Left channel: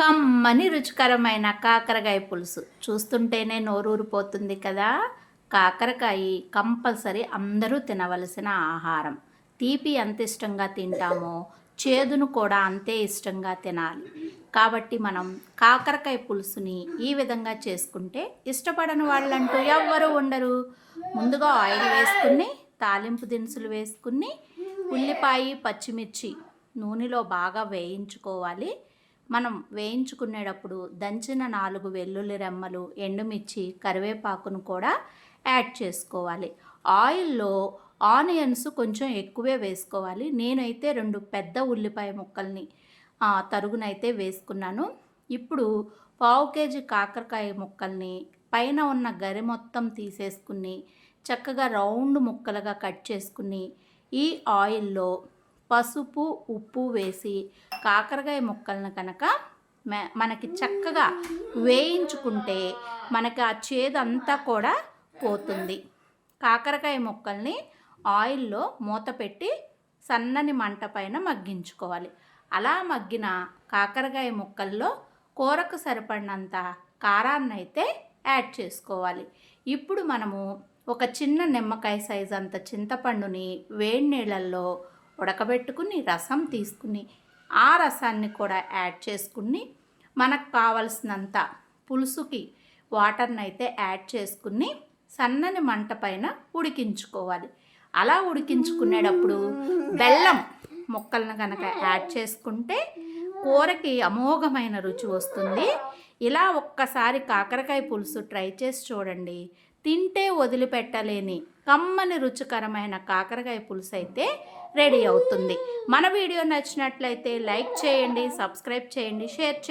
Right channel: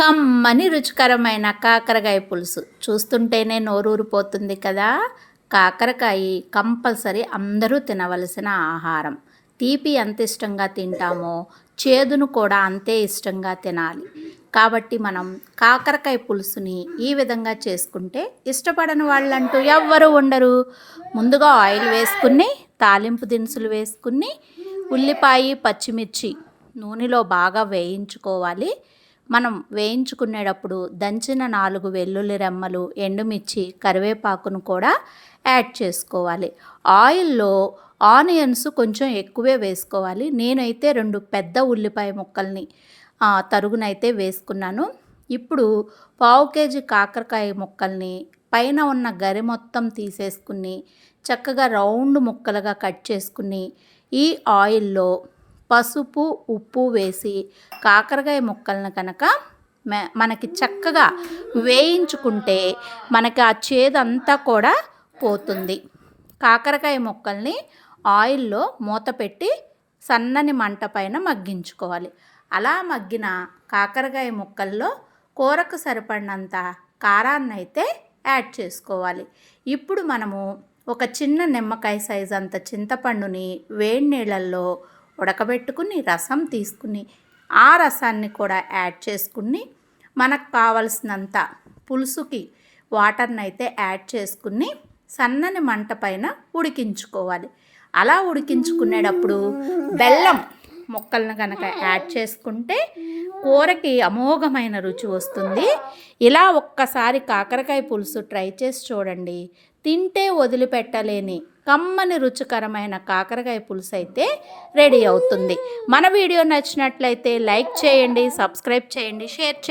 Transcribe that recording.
కమ్మని రుచికరమైన కాకరకాయ పులుసు చూస్తుంటేనే నోరూరిపోతుంది కదా. కాకరకాయ కంపల్సరీ అందరూ తినవలసిన ఆహారం. తీపి ఎంత ఇష్టంగా తింటామో చేదును కూడా అంతే ఇష్టంగా తినాలి. కాబట్టి మనం కాకరకాయ పులుసుని ఈ విధంగా చేసుకుంటే ఇష్టపడని వాళ్ళంటూ ఎవ్వరూ ఉండరు. ముందుగా ఆయిల్ వేసుకుని తాలింపు దినుసులు వేసుకుని ఉల్లిపాయ పచ్చిమిర్చి నూనెలో బాగా వేయించుకోవాలి. మనం వేయించుకునేటప్పుడు దంచిన 4 వెల్లుల్లి రెమ్మలు, ఎండుమిర్చి, కరివేపాకును కూడా యాడ్ చేసుకోవాలి. ఆయిల్లో ఆనియన్స్ కొంచెం ఎక్కువే వేసుకోవాలి. నేనైతే 2 పెద్ద ఉల్లిపాయ ముక్కల్ని తరుగునైతే వేసుకున్నాను. ఇప్పుడు 1/2 కేజీ కాకరకాయ ముక్కల్ని పైన ఉన్న గరి మొత్తం తీసేసుకుని చక్కగా రౌండ్ ముక్కలుగా కట్ చేసుకుని ఈ ఆయిల్లో పసుపు ఉప్పు వేసి కాకరకాయ ముక్కలను కనుక మనకి చక్కగా వేయించుకుంటే మనకి ఆ చేదంతా కూడా పోతుంది. కాకరకాయ ముక్కల్ని ఆయిల్లో మూత పెట్టి సన్నని మంట పైన మగ్గించుకోవాలి. అలా మగ్గిన కాకరకాయ ముక్కల్లో కూరకు సరిపడినంత కారాన్ని అయితే యాడ్ చేసుకోవాలి. ఇప్పుడు మనము ఒక చిన్న నిమ్మకాయ సైజ్ అంత చింతపండుని వేడి నీళ్ళల్లో ఉడకబెట్టుకుని రసం తీసుకుని ఆ రసాన్ని కూడా యాడ్ చేసుకుని మనకు కావలసినంత పులుసుకి వాటర్ని అయితే యాడ్ చేసుకుని సన్నని మంట పైన ఉడికించుకోవాలి. అలా ఉడికించుకునేటప్పుడు బెల్లం ముక్కలను కనుక యాడ్ చేసుకుంటే కూరకి అమోఘమైన రుచి వస్తుంది. ఇలా ఒక్కసారి కాకరకాయ పులుసు ట్రై చేసి చూడండి. తింటే వదిలిపెట్టలేని కమ్మని రుచికరమైన కాకరకాయ పులుసు అయితే రెడీ అవుతుంది. మన వీడియో నచ్చినట్లయితే లైక్ చేయండి, సబ్స్క్రైబ్ చేయండి, షేర్ చేయండి.